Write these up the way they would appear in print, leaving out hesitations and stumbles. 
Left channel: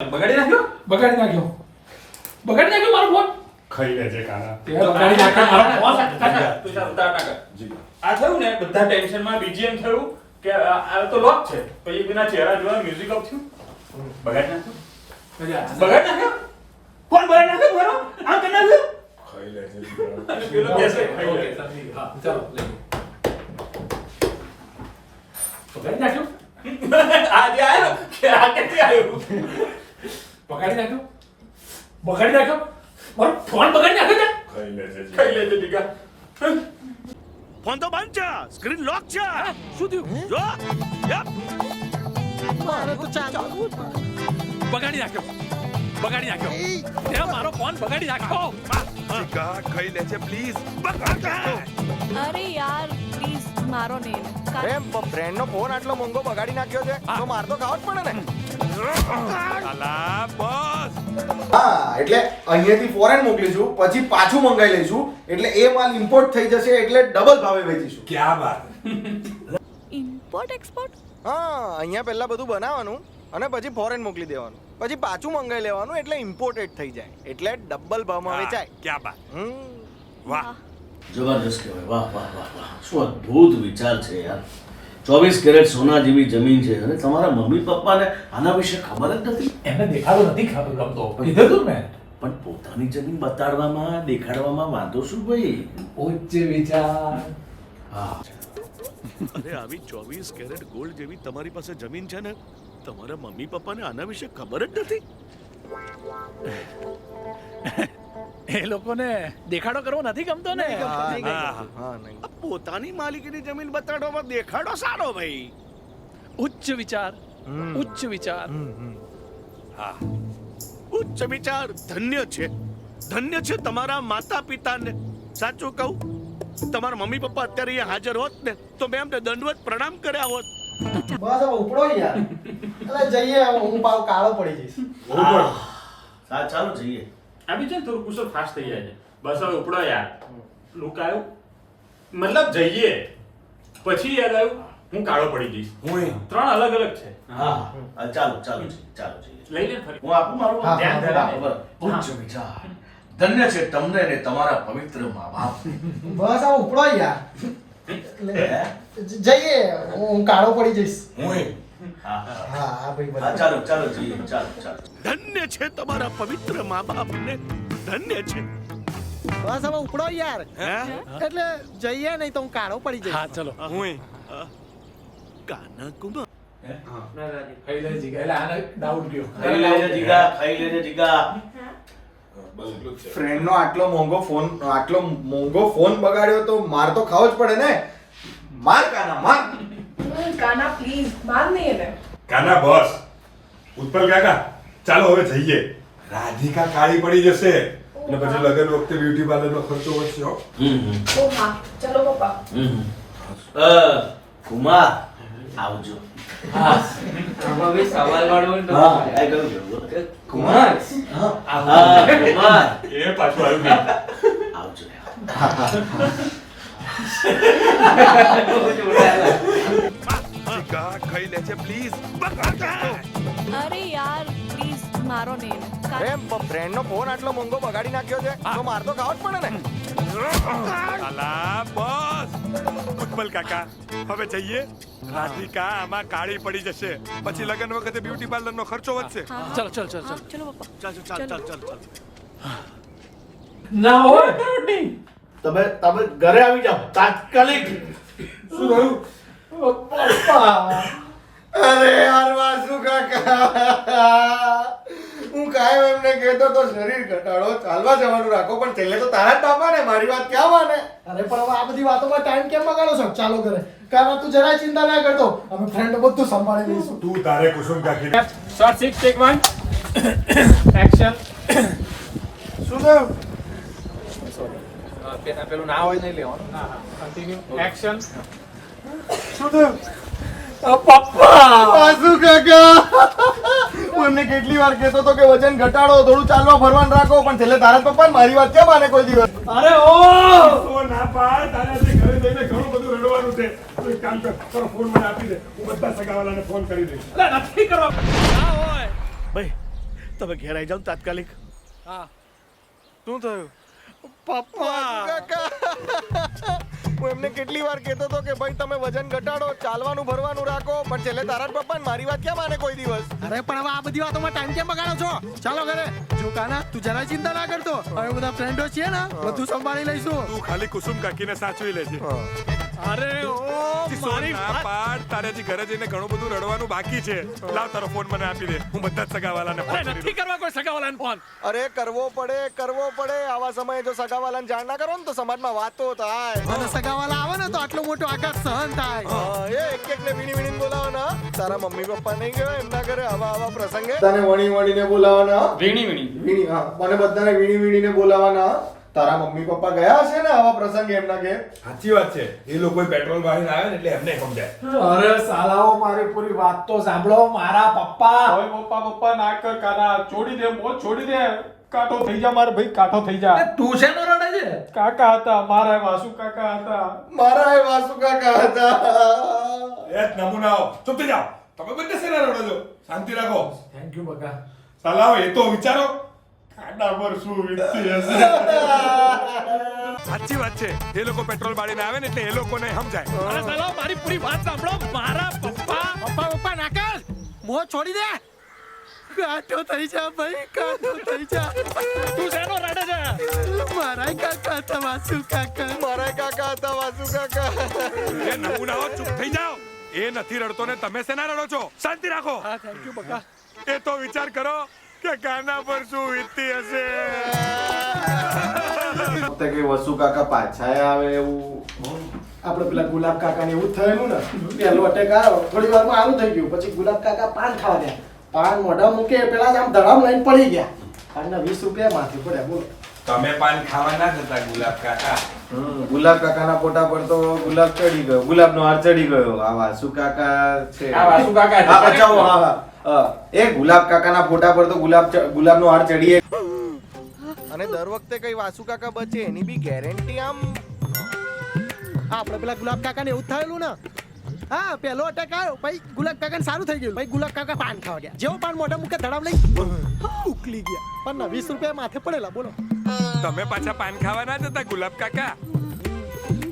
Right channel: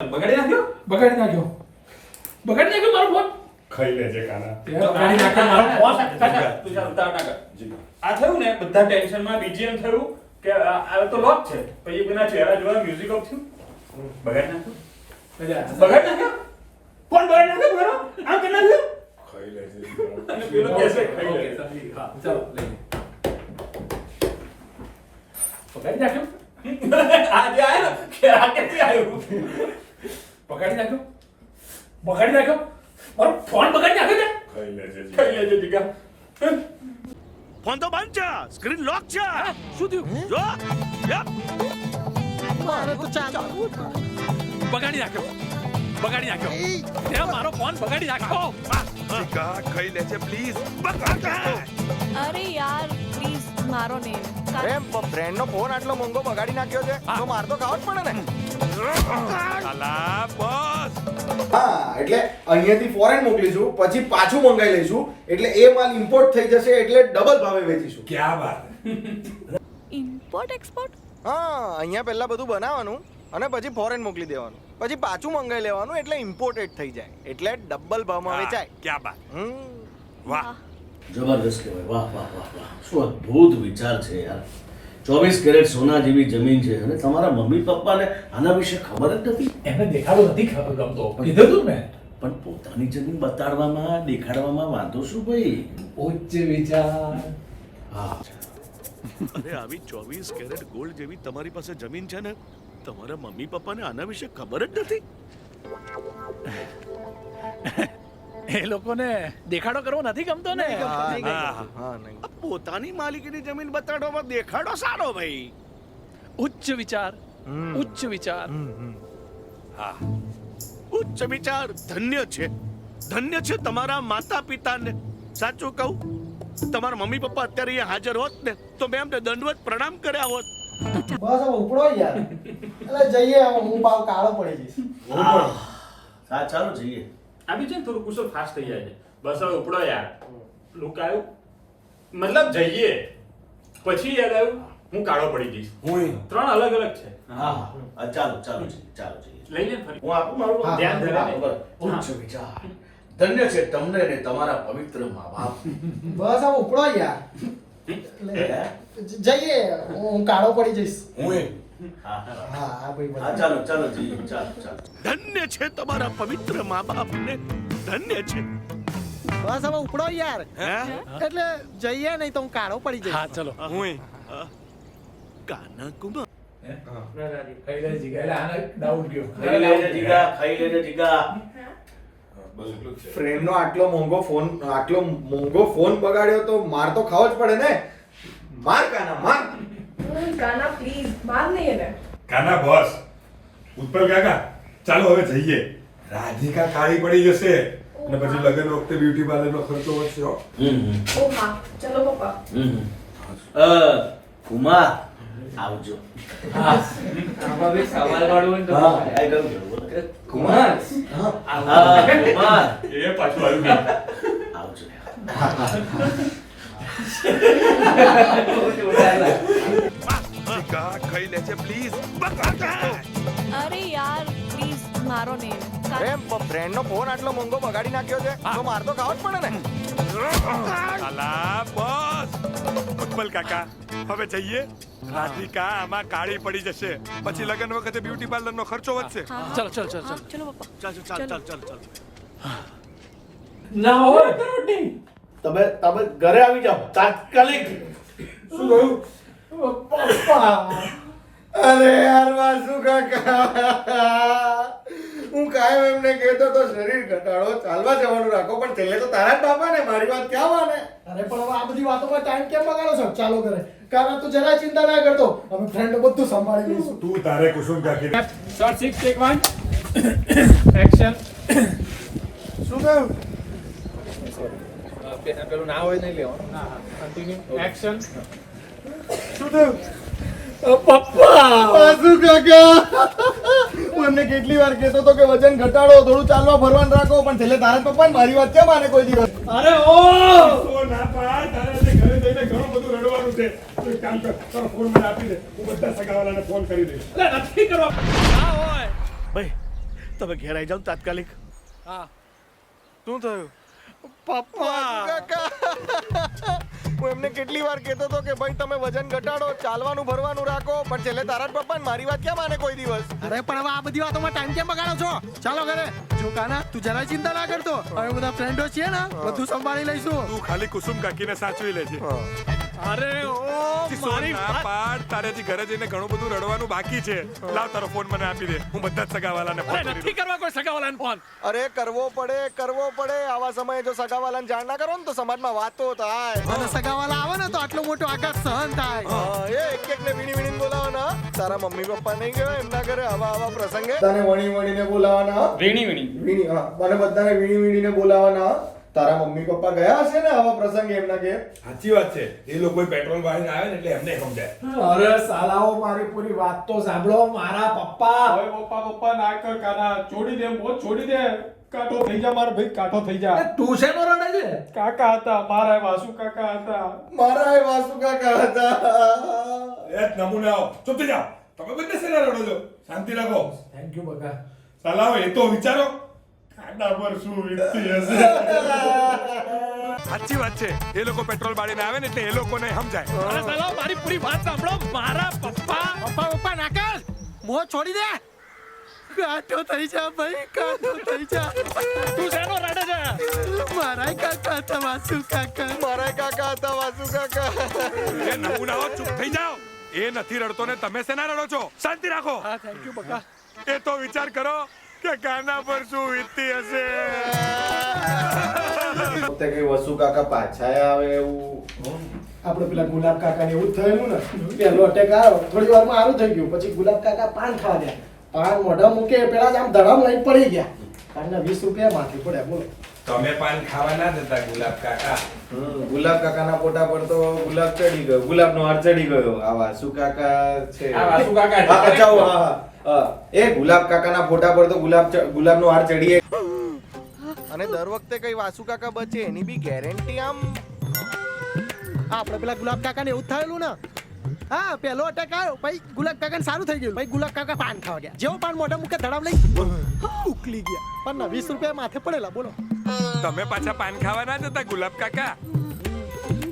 બગાડી નાખ્યો મારો ફોન. ખાઈ લેજે કાના. તે બગાડી નાખ્યો મારો ફોન. તું ચાલ ઉતાર ના કર. આ થયું ને બધા ટેન્શનમાં બીજીએમ થયું કે આ તો લોક છે પછી એના ચહેરા જોવા મ્યુઝિક ઓફ થયું. બગાડી નાખ્યો કોણ બગાડી નાખ્યો બરો આમ કે નાખ્યો ખાઈ લેજે. અને પેલો કહેશે ખાઈ લે. હા, ચાલો લઈ. બગાડી નાખ્યો આજે આયો કે આ કેથી આવ્યો બગાડી નાખ્યો મારો ફોન બગાડી નાખ્યો ને. ખાઈ લેજે. ખાઈ લેજે દીકા. ફોન તો બંધ છે, સ્ક્રીન લોક છે. શું થયું? જો યપ. બગાડી નાખ્યો તે મારો ફોન બગાડી નાખ્યો. જીગા ખાઈ લેજે પ્લીઝ. અરે યાર પ્લીઝ મારો નેમ એમ બ્રેન્ડ નો ફોન આટલો મોંઘો બગાડી નાખ્યો છે તો માર તો ખાવ જ પડે ને. અલા બોસ. હા એટલે અહીંયાથી ફોરેન મોકલીશું પછી પાછું મંગાઈ લઈશું એટલે એ માલ ઇમ્પોર્ટ થઈ જશે એટલે ડબલ ભાવે વેચીશું. ક્યાં વાત. Import export. હા અહીંયા પહેલા બધું બનાવવાનું અને પછી ફોરેન મોકલી દેવાનું પછી પાછું મંગાઈ લેવાનું એટલે ઇમ્પોર્ટેડ થઈ જાય એટલે ડબલ ભાવમાં વેચાય. ક્યાં બાત. વાહ જબરદસ્ત કહેવાય. વાહ વાહ વાહ વાહ, શું અદ્ભુત વિચાર છે યાર. 24 કેરેટ સોના જેવી જમીન છે અને તમારા મમ્મી પપ્પાને આના વિશે ખબર જ નથી. એમને દેખાડો નથી ગમતો. કીધું તું મેં. પણ પોતાની જમીન બતાડવામાં દેખાડવામાં વાંધો શું ભાઈ? ઉચ્ચ વિચાર. હા, અરે આવી 24 કેરેટ ગોલ્ડ જેવી તમારી પાસે જમીન છે ને, તમારા મમ્મી પપ્પાને આના વિશે ખબર જ નથી. એ લોકોને દેખાડો કરવો નથી ગમતો ને. હા નહીં. આ પોતાની માલિકીની જમીન બતાડવામાં દેખાડો સારો ભાઈ. ઉચ્ચ વિચાર. હા, ઉચ્ચ વિચાર. ધન્ય છે તમારા માતા પિતાને. સાચું કહું, તમારા મમ્મી પપ્પા અત્યારે અહીંયા હાજર હોત ને તો મેં એમને દંડવત પ્રણામ કર્યા હોત. બસ હવે ઉપડો યાર એટલે જઈએ હવે હું પાવ કાળો પડી જઈશ. હા ચાલો જઈએ. આ બી છે ને થોડું કુશળ ફાસ્ટ થઈ જાય છે. બસ હવે ઉપડો યાર. લુક આવ્યું મતલબ જઈએ પછી યાદ આવ્યું હું કાળો પડી જઈશ. ત્રણ અલગ અલગ છે. હા ચાલો જઈએ. લઈ લે ફરી. હું આપું મારું હા, ધ્યાન ધ્યાન બરાબર. ઉચ્ચ વિચાર. ધન્ય છે તમને ને તમારા પવિત્ર મા બાપ. બસ હવે ઉપડો યાર જઈએ હું કાળો પડી જઈશ. હા હા ભાઈ હા ચાલો જઈએ. ચાલો. ધન્ય છે તમારા પવિત્ર મા બાપને. ધન્ય છે. બસ હવે ઉપડો યાર હે? એટલે જઈએ નહીં તો હું કાળો પડી જઈશ. હા ચલો. કાના કુમાર. ખાઈ લેજે જીગા. એટલે આને ડાઉટ ગયો. ખાઈ લેજે જીગા. ફ્રેન્ડ નો આટલો મોંઘો ફોન બગાડ્યો તો માર તો ખાવો જ પડે ને. માર કાના માર. કાના પ્લીઝ માર નહીં એને. કાના બોસ. ઉત્પલ કાકા ચાલો હવે જઈએ. રાધિકા કાળી પડી જશે અને પછી લગ્ન વખતે બ્યુટી પાર્લર નો ખર્ચો વધશે હો. ઓ હા ચલો પપ્પા. કુમાર આવજો. હા. કુમાર એ પાછું આવ્યું કે આવજો. જીગા ખાઈ લેજે પ્લીઝ. અરે યાર પ્લીઝ મારો નેમ એમ બ્રેન્ડ નો ફોન આટલો મોંઘો બગાડી નાખ્યો છે તો માર તો ખાવ જ પડે ને. અલા બોસ. ઉત્પલ કાકા હવે જઈએ. રાધિકા આમાં કાળી પડી જશે પછી લગ્ન વખતે બ્યુટી પાર્લર નો ખર્ચો વધશે. ચલો. ચલો પપ્પા. ચાલ. ના હોય. તમે ઘરે આવી જાઓ તાત્કાલિક. શું થયું? અરે યાર વાસુ કાકા હું કાયમ એમને કહેતો તો શરીર ઘટાડો ચાલવા જવાનું રાખો પણ છેલ્લે તો તારા જ બાપા ને મારી વાત ક્યાં માને. અરે પણ હવે આ બધી વાતોમાં ટાઈમ કેમ બગાડો છો? ચાલો કરે કારણ તું જરાય ચિંતા ના કરતો અમે ફ્રેન્ડ બધું સંભાળી લઈશું. તું તારે કુસુમ કાકી શોર્ટ 6 ટેક 1 એક્શન. શું થયું? પેલું ના હોય નહીં લેવાનું. Continue action. શું થયું? પપ્પા. વાસુ કાકા હું એમને કેટલી વાર કહેતો તો કે વજન ઘટાડો થોડું ચાલવા ફરવાનું રાખો પણ છેલ્લે તારા જ પપ્પા મારી વાત ક્યાં માને કોઈ દિવસ. અરે ઓ તો ના પાડ. તારે આજે ઘરે જઈને ઘણું બધું રડવાનું છે. તું એક કામ કર, તારો ફોન મને આપી દે. હું બધા સગાવાલાને ફોન કરી દઈશ. નથી કરવા. ના હોય. ભાઈ તમે ઘેર આવી જાઓ તાત્કાલિક. હા શું થયું પપ્પા હું એમને કેટલી વાર કહેતો હતો કે ભાઈ તમે વજન ઘટાડો, ચાલવાનું ભરવાનું રાખો, પણ છેલ્લે તારા જ પપ્પા મારી વાત ક્યાં માને કોઈ દિવસ? અરે પણ હવે આ બધી વાતોમાં ટાઈમ કેમ બગાડો છો? ચાલો ઘરે. જો કાના તું જરાય ચિંતા ના કરતો, હવે બધા ફ્રેન્ડો છીએ ને, બધું સંભાળી લઈશું. તું ખાલી કુસુમ કાકીને સાચવી લેજે. અરે ઓ મારી ના પાડ, તારે હજી ઘરે જઈને ઘણું બધું રડવાનું બાકી છે. લાવ તારો ફોન મને આપી દે, હું બધા જ સગાવાલાને ફોન કરી નથી કરવા કોઈ સગાવાલાને ફોન. અરે કરવો પડે. આવા સમયે જો સગાવાલાને જાણ ના કરો ને તો સમાજમાં વાતો થાય. અને સગાવાલા આવે ને તો આટલો મોટો આઘાત સહન થાય. એક ને વીણી બોલાવો ને. તારા મમ્મી પપ્પા નહીં ગયો એમના ઘરે આવા પ્રસંગે? તને વણીને બોલાવાના. વીણી હા, મને બધાને વીણીને બોલાવાના. તારા મમ્મી પપ્પા ગયા હશે ને આવા પ્રસંગે એમના ઘેર? સાચી વાત છે, એ લોકો પેટ્રોલ વાળીને આવે ને એટલે એમને સમજાય. અરે સાલાઓ મારી પૂરી વાત તો સાંભળો. મારા પપ્પા પપ્પા ના કર કાના, છોડી દે મોત, છોડી દે. કાઠો થઈ જા મારા ભાઈ, કાઠો થઈ જા. તું શેનો રડે છે? કાકા હતા મારા, વાસુ કાકા હતા. મારા એ વાસુ કાકા હતા. એ નમૂનાઓ ચૂપ થઈ જાઓ. તમે બંને શેના રડો છો? શાંતિ રાખો. થેન્ક યુ બકા. સલાહ એ તો વિચારો. કાના પર શું વીતતી હશે. સાચી વાત છે, એ લોકો પેટ્રોલ બાળીને આવે ને એટલે એ લોકોને સમજાય. અરે સાલાઓ મારી પૂરી વાત સાંભળો. મારા પપ્પા ના કર. મોં છોડી દે. કાઠો થઈ જા ભાઈ, કાઠો થઈ જા. તું શેનો રડે છે? મારા કાકા હતા વાસુ કાકા. એ નમૂનાઓ ચૂપ થઈ જાઓ. એ નથી રડતો ને તમે શેના રડો છો? શાંતિ રાખો. હા થેન્ક યુ બકા. એ તો વિચાર કરો કે કાના પર શું વીતતી હશે. કઈ વસુ કાકા પાછા આવે એવું? આપણે પેલા ગુલાબ કાકા ને એવું થયેલું ને, પેલો અટેક આવ્યો, થોડી વારમાં આવું થઈ ગયું. પછી ગુલાબ કાકા પાન ખાવા ગયા. પાન મોઢા મૂકે પેલા જ આમ ધડામ લઈને પડી ગયા. પાનના 20 રૂપિયા માથે પડ્યા. બોલો તમે પાન ખાવા ના જતા ગુલાબ કાકા? ગુલાબ કાકાના ફોટા પર તો ગુલાબ ચડી ગયો, ગુલાબનો હાર ચડી ગયો. આ વાસુ કાકા છે. આ વાસુ કાકા છે. હા, બચાવો. હા. એ ગુલાબ કાકાના ફોટા પર તો ગુલાબનો હાર ચડીએ. અને દર વખતે કઈ વાસુ કાકા બચે એની બી ગેરંટી આમ? આપણે પેલા ગુલાબ કાકા ને એવું જ થયેલું ને. હા, પેલો અટેક આવ્યો, પછી ગુલાબ કાકા સારું થઈ ગયું. પછી ગુલાબ કાકા પાન ખાવા ગયા. જેવો પાન મોઢા મૂકે ધડામ લઈ ઉકલી ગયા. પણ 20 રૂપિયા માથે પડેલા. બોલો તમે પાછા પાન ખાવા ના જતા ગુલાબ કાકા?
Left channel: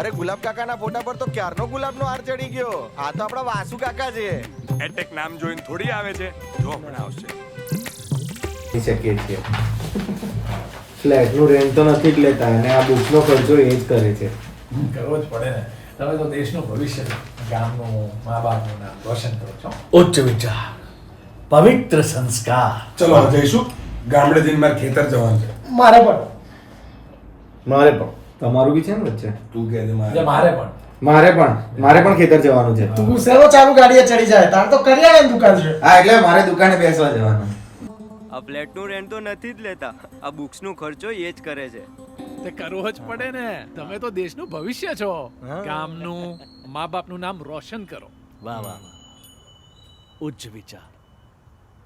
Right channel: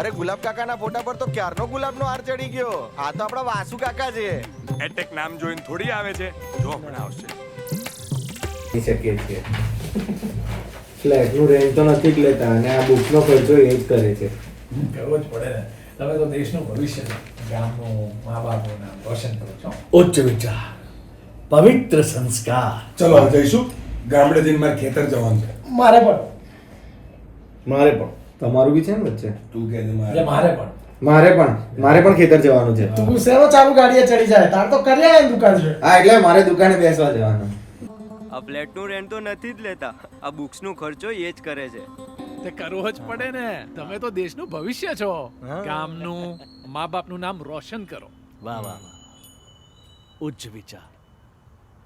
અરે ગુલાબ કાકાના ફોટા પર તો ક્યારનો ગુલાબનો હાર ચડી ગયો. આ તો આપણા વાસુ કાકા છે. એટેક નામ જોઈને થોડી આવે છે. જો હમણાં આવશે. શકીએ છીએ. ફ્લેટનું રેન્ટ તો નથી જ લેતા અને આ બુકનો ખર્ચો એ જ કરે છે. કરવો જ પડે ને. તમે તો દેશનું ભવિષ્ય છો. ગામનું, મા બાપનું નામ રોશન કરો છો. ઉચ્ચ વિચાર, પવિત્ર સંસ્કાર. ચલો જઈશું. ગામડે જઈને મારે ખેતર જવાનું છે. મારે પણ. તમારું બી છે ને વચ્ચે? તું કે એટલે મારે પણ. મારે પણ ખેતર જવાનું છે. તું શેનો ચાલુ ગાડીએ ચડી જાય? તાર તો કરિયાણાની દુકાન છે. હા, એટલે મારે દુકાને બેસવા જવાનું. આ ફ્લેટનું રેન્ટ તો નથી જ લેતા, આ બુક્સનો ખર્ચો એ જ કરે છે. તે કરવો જ પડે ને. તમે તો દેશનું ભવિષ્ય છો. ગામનું, મા બાપનું નામ રોશન કરો. વાહ વાહ વાહ. ઉચ્ચ વિચાર,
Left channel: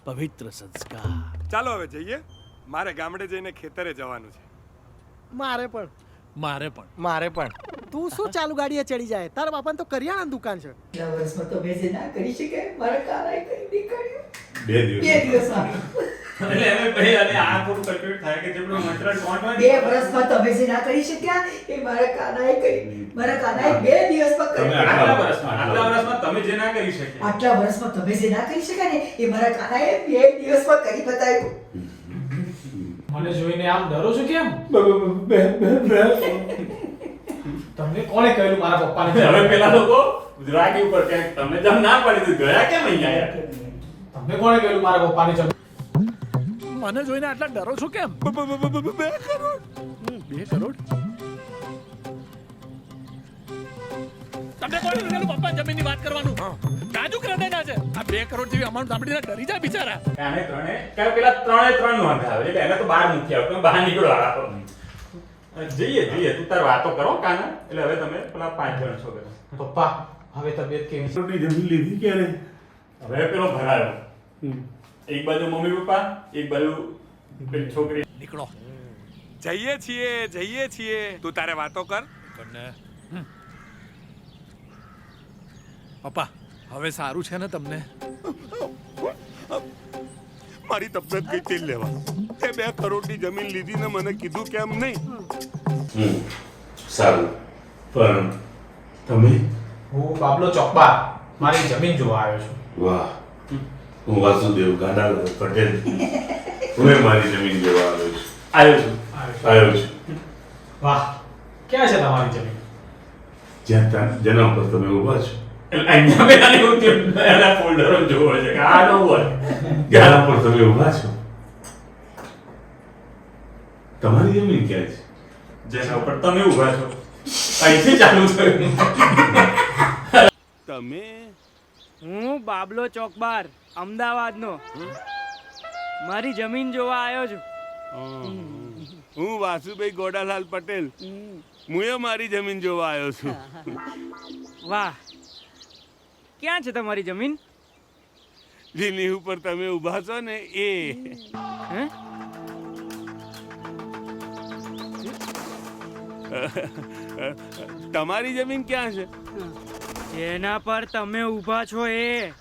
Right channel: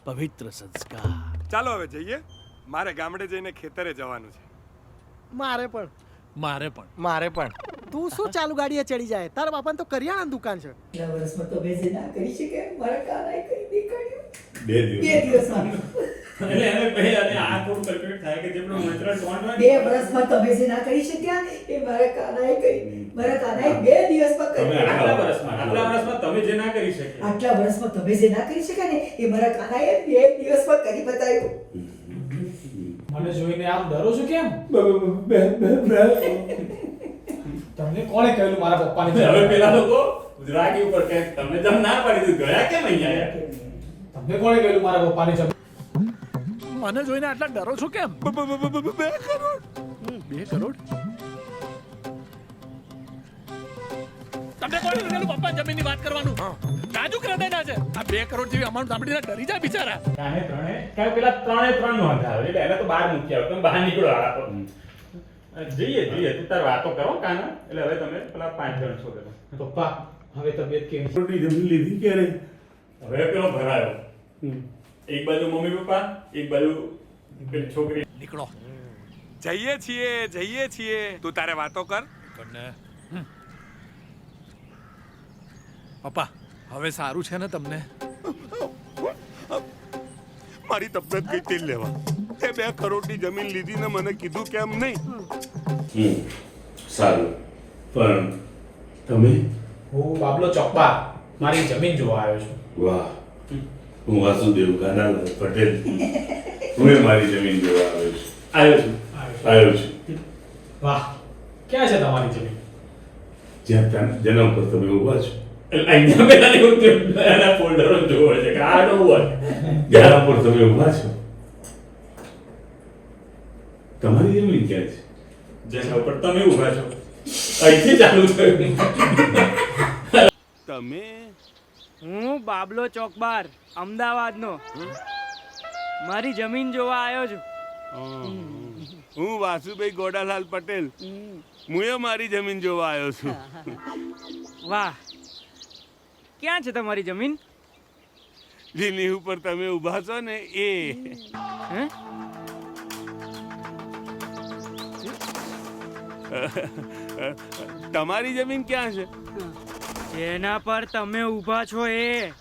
પવિત્ર સંસ્કાર. ચાલો હવે જઈએ. મારે ગામડે જઈને ખેતરે જવાનું છે. મારે પણ. મારે પણ. તું શું ચાલુ ગાડીએ ચડી જાય? તારા બાપાને તો કરિયાણાની દુકાન છે. વર્ષમાં તો બેસી ના કરી શકે. મારા કાનાએ કરી દેખાડ્યું. 2 દિવસ. 2 દિવસમાં. એટલે એને ભાઈ અને આ થોડું કલ્ક્યુલેટ થાય કે જેટલું નેચરલ ટોન હોય 2 વર્ષમાં તમે જે ના કરી શક્યા એ મારા કાનાએ કરી. મારા કાનાએ 2 દિવસમાં કરી. આટલા વર્ષમાં તમે જે ના કરી શકે. આટલા વર્ષમાં તમે જે ના કરી શક્યા ને એ મારા કાનાએ 2 દિવસમાં કરી બતાવ્યું. મને જોઈને આમ ડરો છો કેમ? તમને કોણે કહ્યું મારા પપ્પાને? હવે પેલા લોકો ગુજરાતી ઉપર કે તમે જમ ના પાડી દીધું, ગયા કેમ અહીંયા આયા? તમને કોણે કહ્યું મારા પપ્પાને? મને જોઈને આટલા ડરો છો કેમ? 2 કરોડ? તમને કોણે કીધું પપ્પા જમીનની વાત કરવાનું? કાજુ ક્રેડિટ છે. આ 2 કરોડ જેવી અમાઉન્ટ સાંભળીને ડરી જાય બિચારા. આને પેલા ત્રણે નોંધાવે એટલે એને તો બહાર મૂકી આવ. તમે બહાર નીકળો આડા પર. જઈએ તું તાર વાતો કરો કાના. એટલે હવે તમે પેલા 5 જણ છો બધા. પપ્પા હવે તબિયત કેવી છે? જમીન લીધી ક્યારે? હવે પેલો ભરાયો. એક બાજુ મમ્મી પપ્પા, એક બાજુ પેલી છોકરી. નીકળો. જઈએ છીએ. તું તારે વાતો કર. પપ્પા હવે સારું છે ને તમને? મારી તબિયત ગઈ તેલ લેવા. તે 2 કરોડની જમીન લીધી ને મને કીધું કેમ નહીં? સારું, પણ તમે? હું બાબલો ચોકબાર મારી જમીન જોવા આવ્યો છું. વાહ, હું વાસુદેવ ગાનાલાલ પટેલ, હું મારી જમીન જોવા આવ્યો છું. વાહ, ક્યાં છે તમારી જમીન? જ્યાં જેના ઉપર તમે ઊભા છો અહીંયા મેં એના ફોલ્ડરો જોવો છે કે આ ન હોય. જેના ઉપર તમે ઊભા છો તમારી જમીન ક્યાં છે? જેના ઉપર તમે ઊભા છો અહીંથી ચાલુ થયું. તમે? હું બાબલો ચોકબાર અમદાવાદનો મારી જમીન જોવા આવ્યો છું. હું વાસુભાઈ ગોડાલાલ પટેલ, હું મારી જમીન જોવા આવ્યો છું. વાહ, ક્યાં છે તમારી જમીન? જેની ઉપર તમે ઊભા છો ને એ. હે? તમારી જમીન ક્યાં છે? જેના પર તમે ઊભા છો એ.